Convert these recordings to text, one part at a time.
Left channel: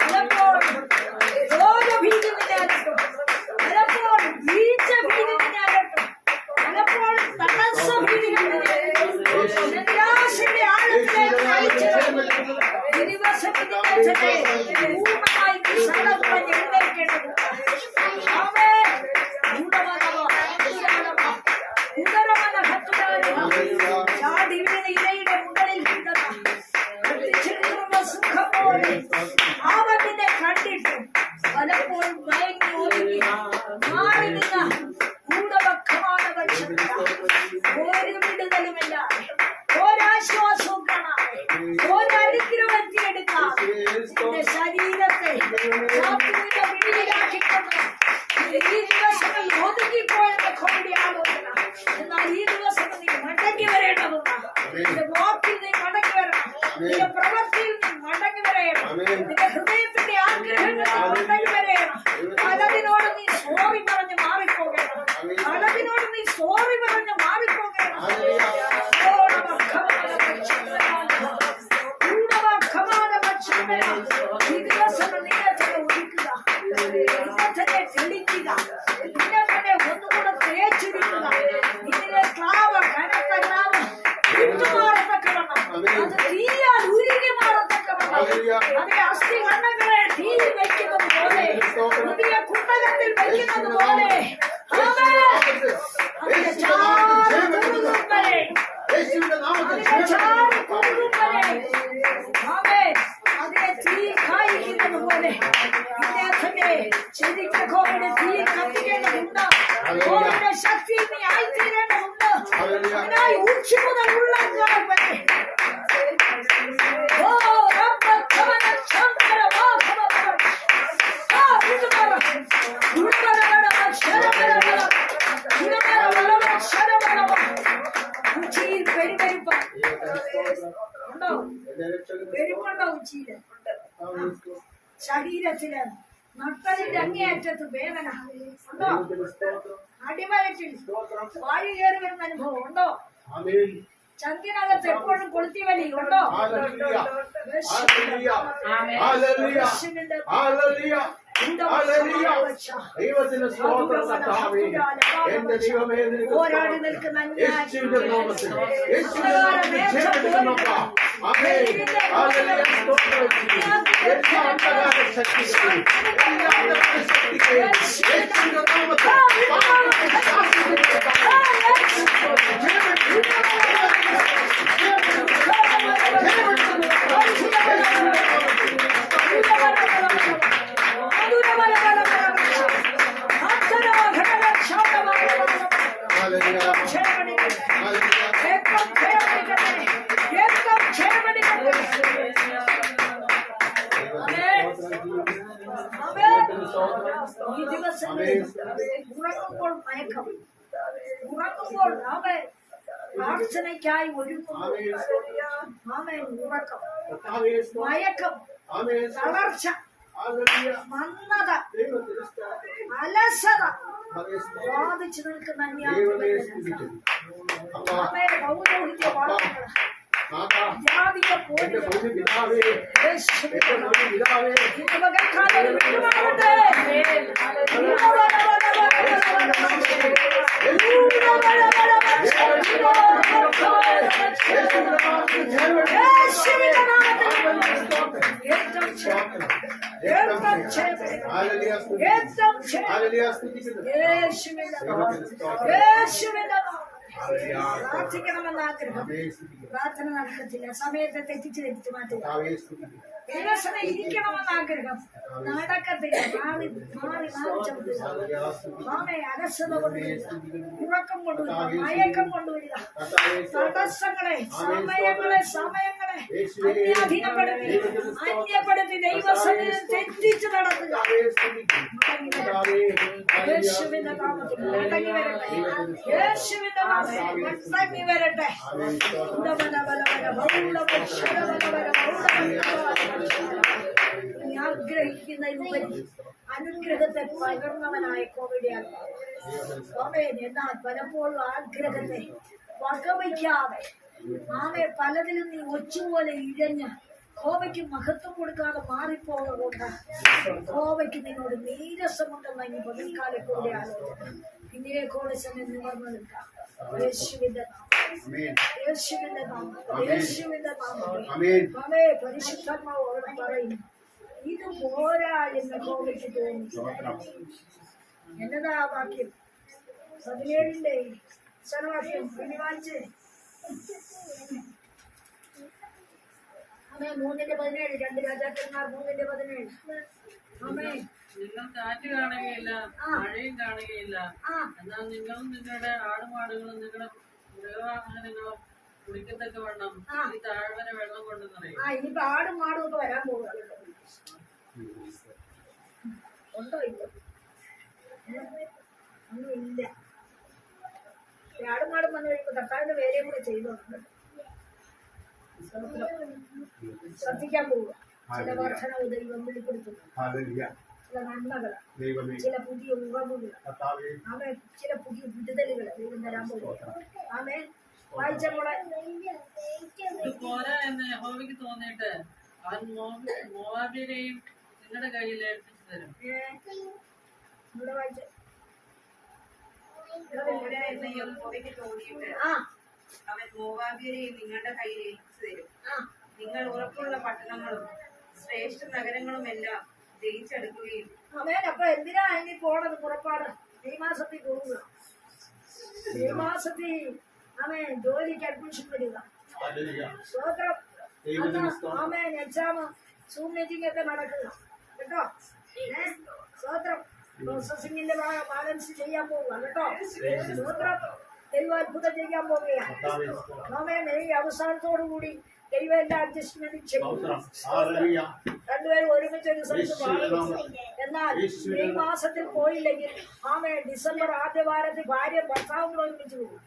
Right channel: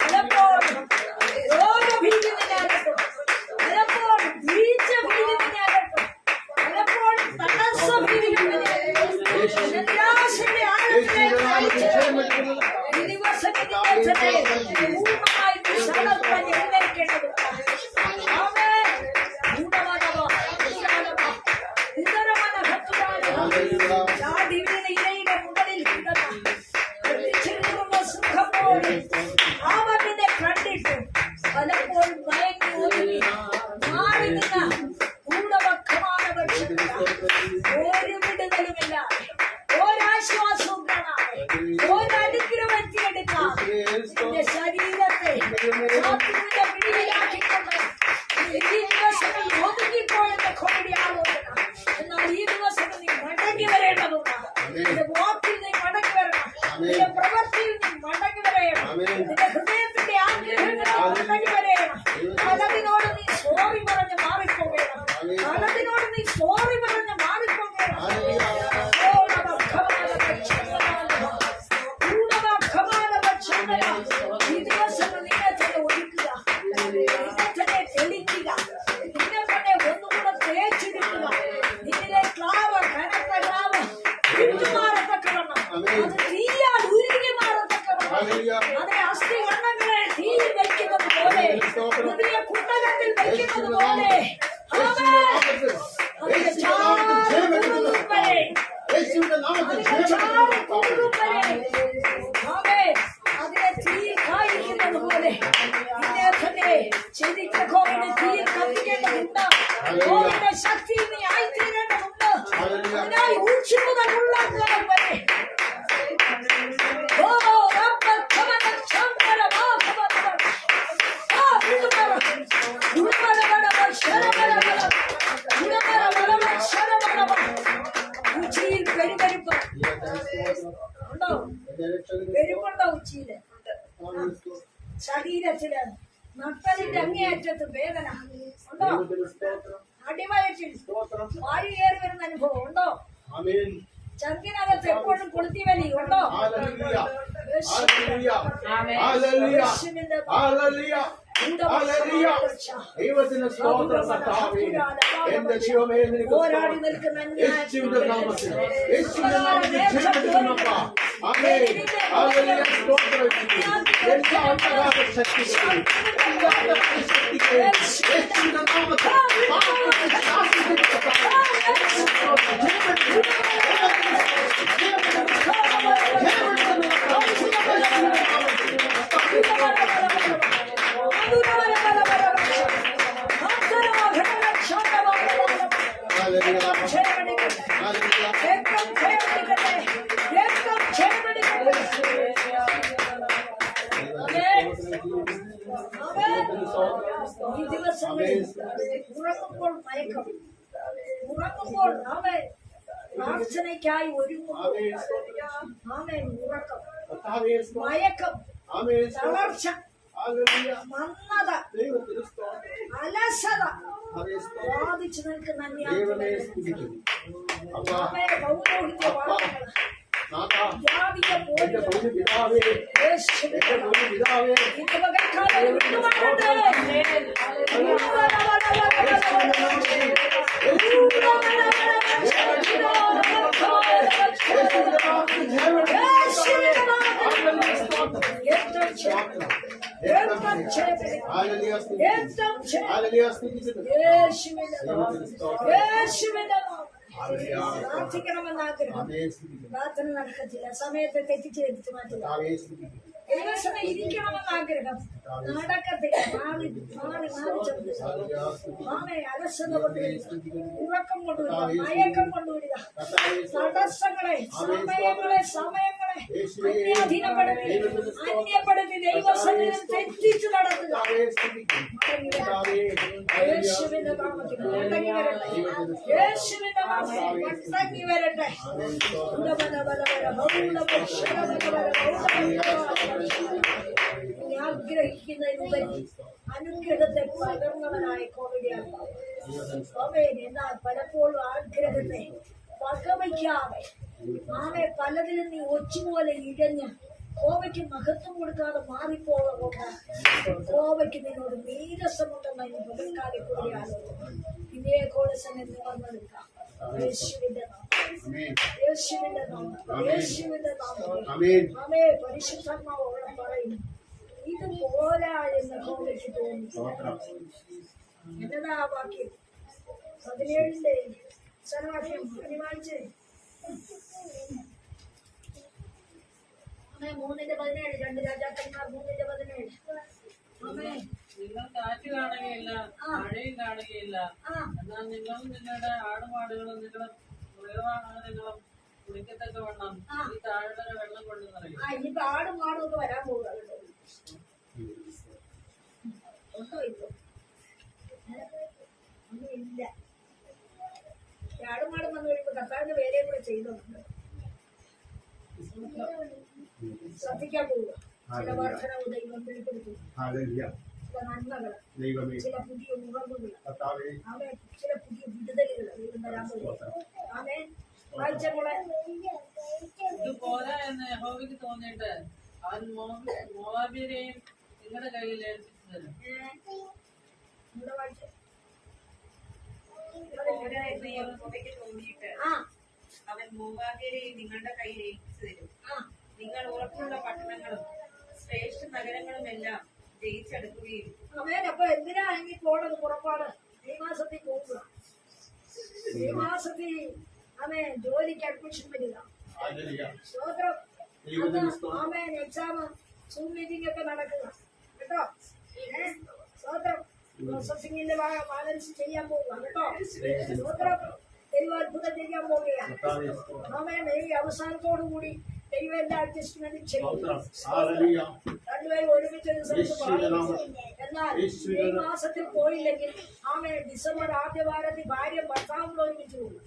പലപ്പോൾ രോഗഭീതി നിന്നാകട്ടും പലപ്പോൾ വീഴ്ച ഭീതി നിന്നാകട്ടും പലപ്പോൾ തടസ്സ ഭീതി നിരാശയുടെ ആഴത്തിലേക്ക് നയിച്ചത് ഈ ദിവസം ഇതിന്റെ പൂർണമായി വിശാലമായി എഴുന്നേൽക്കേണ്ടതുണ്ട് Alam ko, അതിനെ തീയിൽ കായിക്കുന്നത് പോലെ നിന്നെ തന്നെ ചെതിക്ക കോവിഡ് തീയിൽ കത്തിക്കേണ്ടതുണ്ട് കോവിഡിന്റെ ശക്തി നീ ആയിത്തീരേണ്ടതുണ്ട് അതിനായി ഉച്ചിയിൽ ശരീരത്തിൽ നട്ടലിന്റെ അങ്ങേയറ്റത്ത് വേദന ഉണ്ടോ അടിവയറ്റിൽ വാഴി കയറി വരുന്ന അനുഭവം ഉണ്ടോ ചങ്കിനകത്ത് എപ്പോഴും കൊളുത്തി വലി ഉണ്ടോ ഹല്ലേലൂയ ഹല്ലേലൂയ ഹല്ലേലൂയ യേശുവിന്റെ ഹല്ലേലൂയ ഹല്ലേലൂയ ദൈവത്തിന്റെ സ്തോത്രം കർത്താവേ എന്റെ ദൈവമേ നിനക്ക് പോരാടി സ്തോത്രം. നിൽക്കുന്ന യേശുവിന്റെ നാമത്തിൽ യേശുവിന്റെ നാമത്തിൽ ജയമെടുക്കുന്നപ്പ ആമേൻ ഹല്ലേലൂയ സ്തോത്രം എല്ലാ അന്ധകാര ശക്തികളെയും എല്ലാ അന്ധകാര ശക്തികളെയും യേശുവിന്റെ നാമത്തിൽ പാപത്തെ ശാസിക്കുന്ന ഹല്ലേലൂയ ഈ ദിവസങ്ങളിൽ ഉറങ്ങുമ്പോൾ മയക്കം ഉറങ്ങുമ്പോൾ അവൻ പ്രാർത്ഥനയ്ക്കായി ഒരുങ്ങുന്നു ആമേൻ ഉറക്കം. മയക്കം തളർച്ച സ്തോത്രം അലസത. ബാധിച്ചു നിൽക്കുന്ന അന്യായ ஜாதிய போது இந்த மகன் காலையில் விடுவாரது പ്രാർത്ഥിക്കണമെന്ന് ആഗ്രഹം. പ്രാർത്ഥന നടക്കത്തില്ല. സമയത്തെ തെറ്റിച്ച് തെറ്റിച്ച് മാറ്റുക. കർത്താവേ സമയം ഇരിക്കണമെന്ന് ആഗ്രഹം. നടക്കത്തില്ല. മാറി മാറി മാറി ഹല്ലേലൂയ അലസത കൊണ്ടുവരിക. ഉറക്കം കൊണ്ടുവരിക. മയക്കം കൊണ്ടുവരിക. തടസ്സങ്ങളെ സമയങ്ങളെ സമയങ്ങളെ അന്യപ്പെടുത്തി ദൈവസഭയിൽ തെറ്റിച്ച് നടത്തുക. യേശുവിന്റെ നാമത്തിൽ വരട്ടെ. അനുഗ്രഹത്തെ പകർന്നവനായി കോവിഡിയാൽ എന്നാൽ പലപ്പോഴും ആഗ്രഹത്തെ വകവയ്ക്കാതെ. ആമെ പലതിലും നീ ഒച്ചുപോലെ ഇഴഞ്ഞ് കോവയ്ക്ക് മഹത്വം കൊടുക്കാതെ മാറിപ്പോകൊണ്ട് കോവയ്ക്ക് നിന്നോട് നീരസമുണ്ടെന്ന് ഇനി പതിക്കാലെ കൂടെ ആലോചന പിന്നെ തന്നെ നിവർന്നു നിൽക്കാം. യേശുവിന്റെ യേശുവിന്റെ നാമം യേശുവിന്റെ നാമം ആമേൻ. അവേ പരിശുദ്ധാത്മാവ് അവിടെ പറയുന്നു ഇത് പോരാ എന്ന് കോവയ്ക്ക് തോന്നി എന്നതാ ബാക്കി വാക്യം? പതിനേഴിന്റെ സ്ഥലവാക്യം ഇനി വായിച്ചേ അമ്മേ മൂന്നിന്റെ പതിനേഴ് രണ്ട് രാജാക്കന്മാർ മൂന്നിന്റെ പതിനേഴ്. അമ്മേ. നിങ്ങൾ കാറ്റ് കാണുകയില്ല. മഴയും കാണുകയില്ല. എന്നാൽ നിങ്ങളും നിങ്ങളുടെ ആടുമാടുകളും നിങ്ങളുടെ മൃഗവാഹനങ്ങളും കുടിക്കത്തക്ക വണ്ണം ആ. ഈ താഴ്വര വെള്ളം കൊണ്ട് നിറയും. ഇനിയിപ്പോ ആടും മാടും ഒക്കെ വരാൻ പോകുക ഉണ്ടോ ഏ? ഒന്നും ഇല്ല മാടും വന്നു കഴിയുമ്പോൾ കർത്താവിന്റെ വേലയും കൂടെ ചെയ്തോണ്ട് ശ്രദ്ധിക്കാൻ പോവുക. ചില വർധനവ് ദൈവം വെളിപ്പെടുത്തുന്നു. ചില നന്മകൾ ദൈവമേ. ചില പുതിയ ഉറവുകൾ. ആമേ ചില പുതിയ വിടുതലുകൾ ദൈവം തരാൻ പോകും ആമേ വായിച്ച കൂടെ എന്ന് യഹോവയ്ക്ക് തോന്നിയിട്ട് അവൻ നിങ്ങളുടെ കയ്യിൽ ഏൽപ്പിച്ചു തരും. ഇവിടെ വായിച്ച. എന്ന് യഹോവയ്ക്ക് തോന്നിയിട്ട് ആ. അവൻ മോവാബ്യരെയും നിങ്ങളുടെ കയ്യിൽ ഏൽപ്പിച്ചു തരും. ആ. നിങ്ങൾ ഉറപ്പുള്ള പട്ടണങ്ങളും ശ്രേഷ്ഠ നഗരങ്ങളും എല്ലാം ജയിച്ചെടുക്കുകയും അവൻ അപ്പൊ എന്തിനാ ഇനി പോണത്? പുറപ്പാട്. ഈ മാസത്തിൽ പോവുക. ഈ മാസത്തിൽ അമേൻ ജോലിക്ക് അഡ്മിഷൻ വരിക. സ്തോത്രം. ആമേൻ എക്സാം സൂം മീറ്റിംഗ് ഒക്കെ നടക്കുക. കേട്ടോ? ഏ? സ്വോത്രം പ്രോസസിംഗിന്റെ ബാലൻസ് ചെയ്യാൻ പോവുക കേട്ടോ. സ്വോത്രം ദൈവ അത്ഭുതം ചെയ്യാൻ പോവുകയാണ്. ആമേൻ ഈ അവസാനത്തോടു കൂടി ദൈവം എന്റെ അഡ്ജസ്റ്റ്മെന്റ് ചെയ്യും. രണ്ടുപേരും ഒരുമിച്ച്. എന്നാൽ ഈ മാസത്തിൽ പോയില്ലെങ്കിൽ ആമേ ഡിസംബർ ആദ്യ വാരത്തിൽ ഭാര്യ ഭർത്താവും ഒരുമിച്ച് പോകും.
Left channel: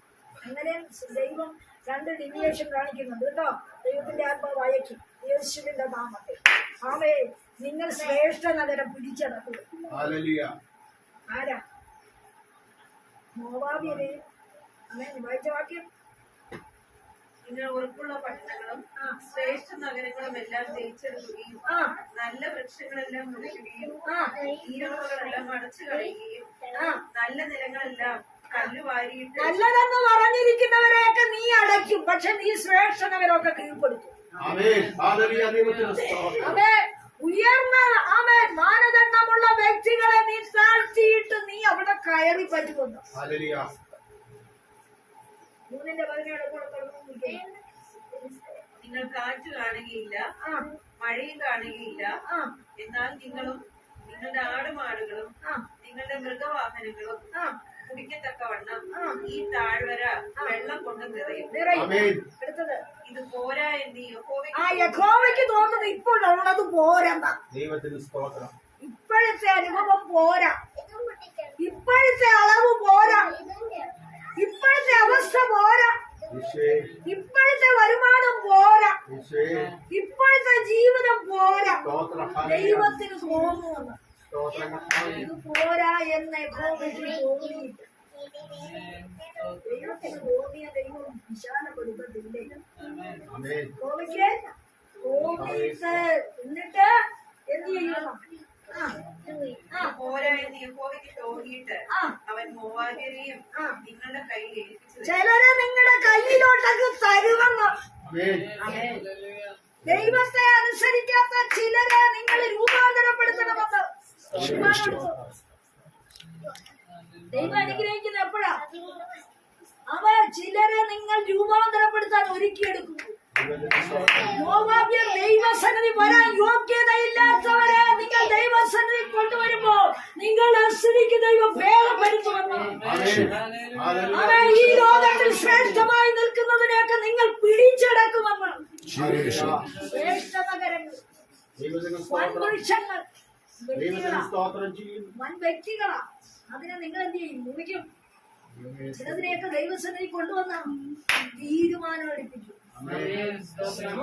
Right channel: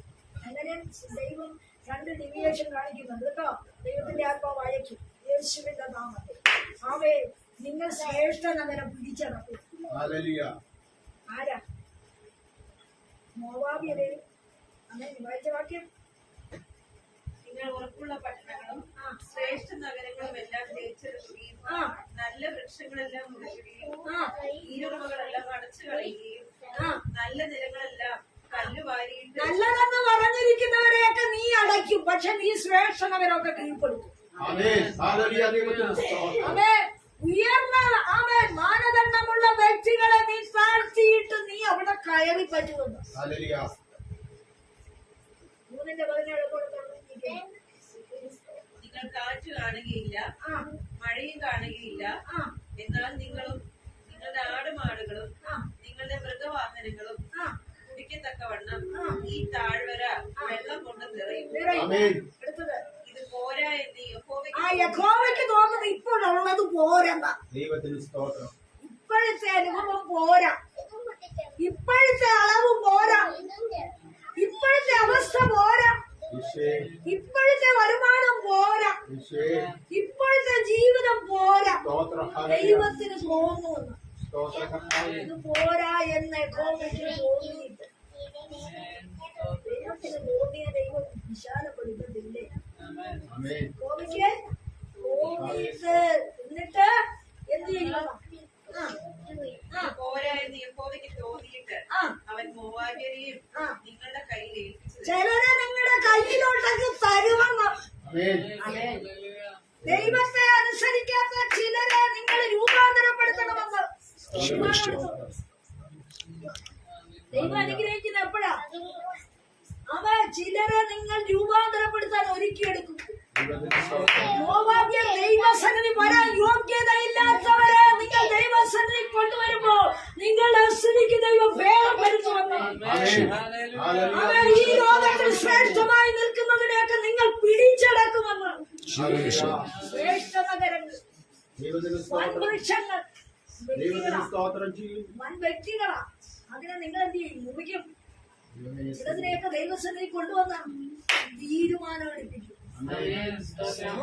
അങ്ങനെ ദൈവം രണ്ട് ഡിവിയേഷൻ കാണിക്കുന്നുണ്ട് കേട്ടോ. ദൈവത്തിന്റെ ആത്മാവ് അയക്കും യേശുവിന്റെ നാമത്തിൽ. ആമേ നിങ്ങൾ ശ്രേഷ്ഠ നഗരം പിടിച്ചടക്കുക ഹല്ലേലൂയ ആരാ? മോവാബിയരെ അങ്ങനെ വായിച്ച വാക്യം? നിങ്ങൾ ഉറപ്പുള്ള പട്ടണങ്ങളും ആ. ശ്രേഷ്ഠ നഗരങ്ങളും എല്ലാം ജയിച്ചെടുക്കുകയും ആ. നല്ല വൃക്ഷങ്ങളെല്ലാം മുറിക്കുകയും ആ. ഈരുറവുകളെല്ലാം അടച്ചു കളയുകയും ആ. നല്ല നിലങ്ങളെല്ലാം കല്ല് വാരിയിട്ട് നല്ലതെന്ന് പറഞ്ഞിരിക്കുന്നവരെയൊക്കെ നീ അടയ്ക്കും. പക്ഷെ നീ ശ്രേഷ്ഠനവരൊക്കെ കീഴ്പ്പെടുത്തും. ആമേൻ. ഹല്ലേലൂയ ദൈവത്തിന് സ്തോത്രം. അതെ ഉയർന്ന അവൻ മാനദണ്ഡമുള്ള വ്യക്തികളെ നീ താഴ്ത്തിയിട്ട് നീ അവിടെ കയറി പറ്റുന്നുണ്ട്. മൂന്നിന്റെ പതിനേഴ് നിങ്ങൾ കാറ്റ് കാണുകയില്ല ആ. മഴയും കാണുകയില്ല. ആ. എന്നാൽ നിങ്ങളും നിങ്ങളുടെ ആടുമാടുകളും ആ. നിങ്ങളുടെ മൃഗവാഹനങ്ങളും ആ. കുടിക്കത്തക്കവണ്ണം ഈ താഴ്വര വെള്ളം കൊണ്ട് നിറയും. ഇത് പോരാ എന്ന് യഹോവയ്ക്ക് ആ യഹോവയ്ക്ക് തോന്നുന്നത് ഇപ്പോഴുള്ളത് പോരാ ദൈവത്തിന് സ്തോത്രം. ഇപ്പോഴത്തെ അനുഭവം പോരാ. ഇപ്പോഴത്തെ അളവ് പോരാ. ഇപ്പോഴത്തെ അവസ്ഥ പോരാ. ഇപ്പോഴത്തെ വരുമാനം പോരാ. ഇപ്പോഴത്തെ ജീവിതം പോരാ. ദൈവത്തിന് തോന്നുന്നു. ഇത് പോരാ എന്ന് തോന്നിയിട്ട് ദൈവത്തിന് തോന്നിയ ദൈവം വിശാലപ്പെടുത്തത്തില്ലേ? തോന്നിയിട്ട് എന്നിട്ട് എന്ത്. ചിലരെ നിങ്ങളുടെ കയ്യിലോട്ടൊക്കെ തരുമെന്ന്. ദൈവത്തെ അനുസരിക്കാത്ത ചിലരെ നിങ്ങൾ രൂപാന്തരപ്പെടുത്തണമെന്ന്. ദൈവം അനുഗ്രഹിക്കുന്ന എപ്പോഴാ? അവ ചിലരെ നിങ്ങൾ രൂപാന്തരപ്പെടുത്താൻ ഒരുക്കിയെടുക്കും മോവാബ്യർ ദൈവസന്നിധി വരാൻ അതിനെ നിങ്ങൾ എന്ത് ചെയ്യും? മുറിക്കും. ചിലതിനെയൊക്കെ ദൈവസന്നിധി കൊണ്ടുവന്ന തീരുമാനം എടുപ്പിക്കും ആമേൻ സ്തോത്രം